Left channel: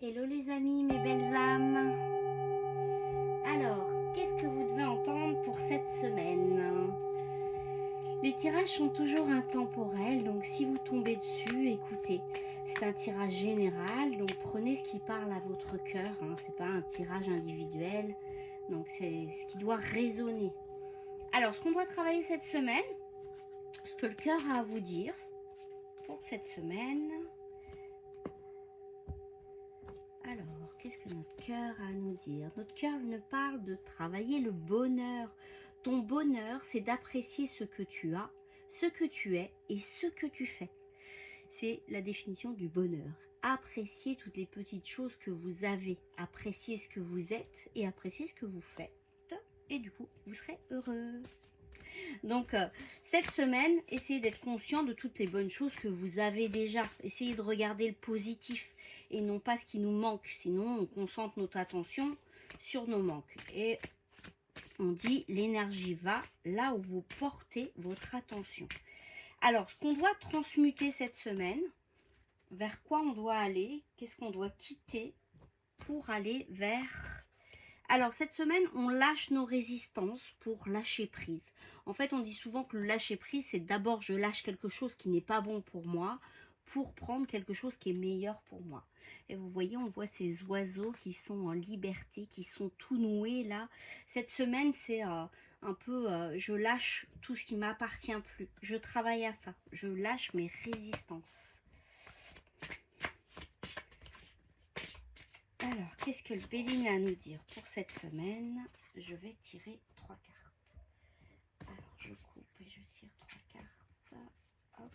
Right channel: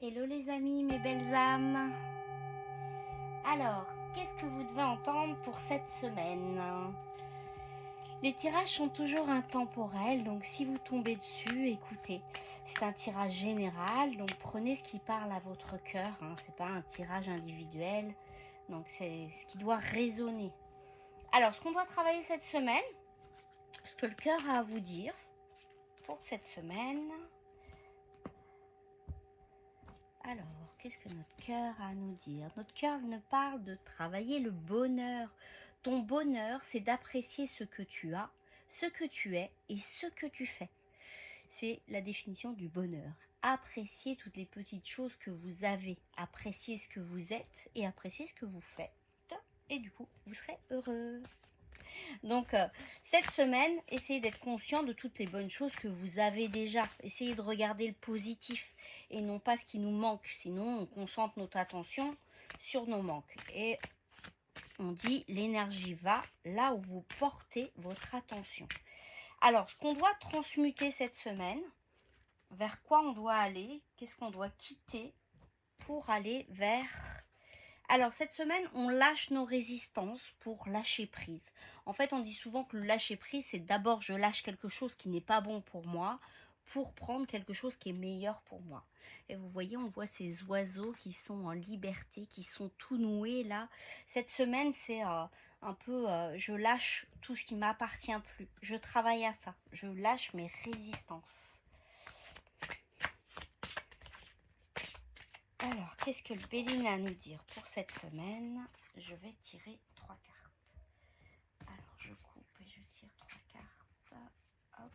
Hello les amis, mes belles âmes. Alors, qu'est-ce que vous devez entendre pour cette semaine? Les tirages sont toujours intemporels, donc si vous tombez dessus, écoutez. C'est un tirage général, donc prenez ce qui parle à votre cœur. C'est pas un tirage individuel, donc c'est ce qui doit résonner. Alors, ce qu'on doit travailler cette semaine, ce que le cœur a à vous dire pour cette semaine. Alors, qu'est-ce que notre cœur a à nous dire? Notre cœur nous parle de travailler le bonheur. Ton bonheur, c'est d'apprécier ce que tu as, ce que tu es et ce que tu fais. C'est la définition du bonheur. Apprécier toutes les petites choses que vous avez. Apprécier ce que vous êtes et apprécier ce que vous faites. Et du coup, vous serez heureux. Donc, cette semaine, essayez d'être conscient de toutes les bonnes choses que vous avez déjà. Essayez de regarder le positif et non pas ce qui nous manque. Sinon, on concentre notre attention sur nos manques. Et on dit, l'énergie va là où vous portez votre attention. Alors, ce qu'on doit transmuter cette semaine, vers quoi on doit aller, qu'est-ce qu'on doit quitter pour aller vers... Alors, cette semaine, on lâche nos résistances pour lâcher prise. En fait, on dit souvent que le lâcher prise, c'est d'abord je lâche quelque chose qui n'est pas bon pour moi pour prendre quelque chose qui est meilleur pour moi. Et vous voyez, on voit ces oiseaux qui sont en liberté, qui sont tout noués là. Cette semaine, c'est un peu, je lâche tout ce qui ne m'appartient plus. Je travaille à ça. Je lâche mes résistances. Alors, qu'est-ce que le Béline a à nous dire pour cette semaine? Je vais tirer 3 cartes. Alors, je coupe et je tire 3 cartes. Hop.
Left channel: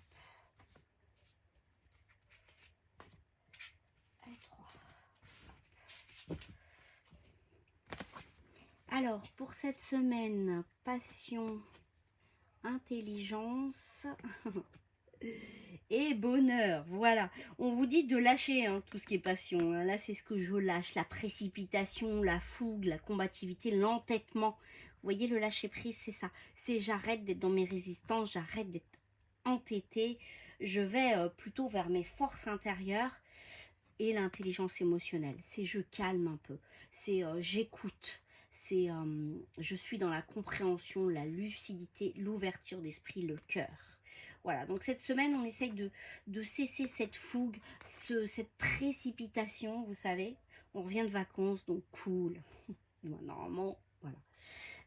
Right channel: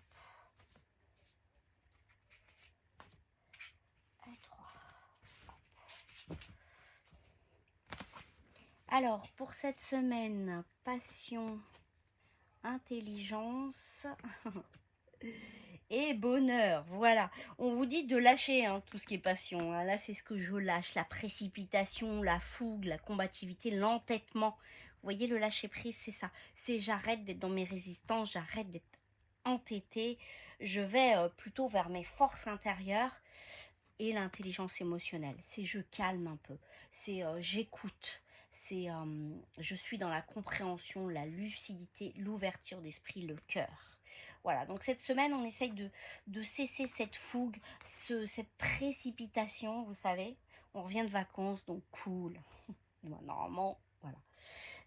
Et 3. Hop. Alors, pour cette semaine, passion, intelligence... et bonheur, voilà. On vous dit de lâcher tout ce qui est passion. Là, c'est ce que je lâche. La précipitation, la fougue, la combativité, l'entêtement. Vous voyez, le lâcher prise, c'est ça. C'est j'arrête d'être dans mes résistances, j'arrête d'être entêtée. Je vais plutôt vers mes forces intérieures et l'intelligence émotionnelle. C'est je calme un peu. C'est j'écoute. C'est je suis dans la compréhension, la lucidité, l'ouverture d'esprit, le cœur. Voilà, donc cette semaine, on essaye de cesser cette fougue, cette précipitation, vous savez. On revient de vacances, donc cool. Normalement, voilà.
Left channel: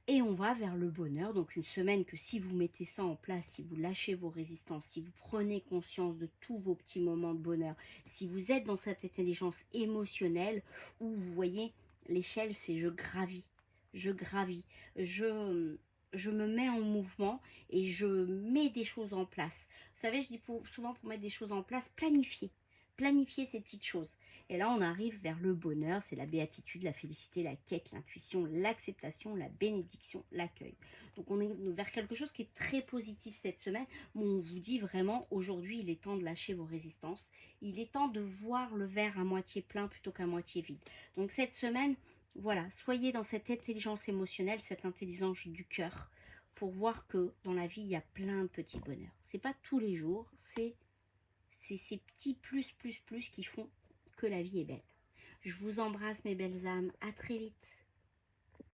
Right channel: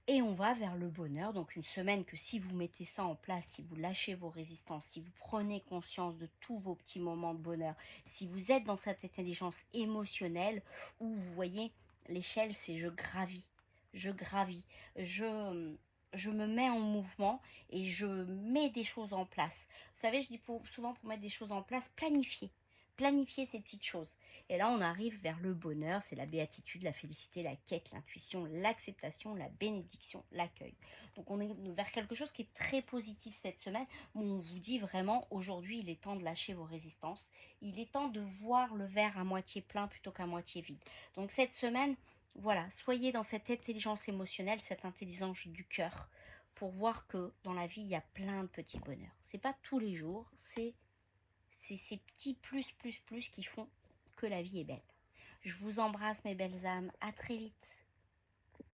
Et on va vers le bonheur, donc une semaine que si vous mettez ça en place, si vous lâchez vos résistances, si vous prenez conscience de tous vos petits moments de bonheur, si vous êtes dans cette intelligence émotionnelle, où vous voyez, l'échelle, c'est je gravis, je me mets en mouvement et je mets des choses en place. Vous savez, je dis souvent pour mettre des choses en place, planifier ces petites choses. Et là, on arrive vers le bonheur, c'est la béatitude, la félicité, la quête, l'intuition, l'acceptation, la bénédiction, l'accueil. Donc, on est vers quelque chose qui est très positif cette semaine, où on vous dit vraiment, aujourd'hui, il est temps de lâcher vos résistances. Il est temps de voir le verre à moitié plein plutôt qu'à moitié vide. Donc, cette semaine, voilà, soyez dans cette intelligence émotionnelle, cette intelligence du cœur, pour voir que dans la vie, il y a plein de petits bonheurs. C'est pas tous les jours, c'est ces petits plus qui font que la vie est belle. Je vous embrasse mes belles âmes, à très vite.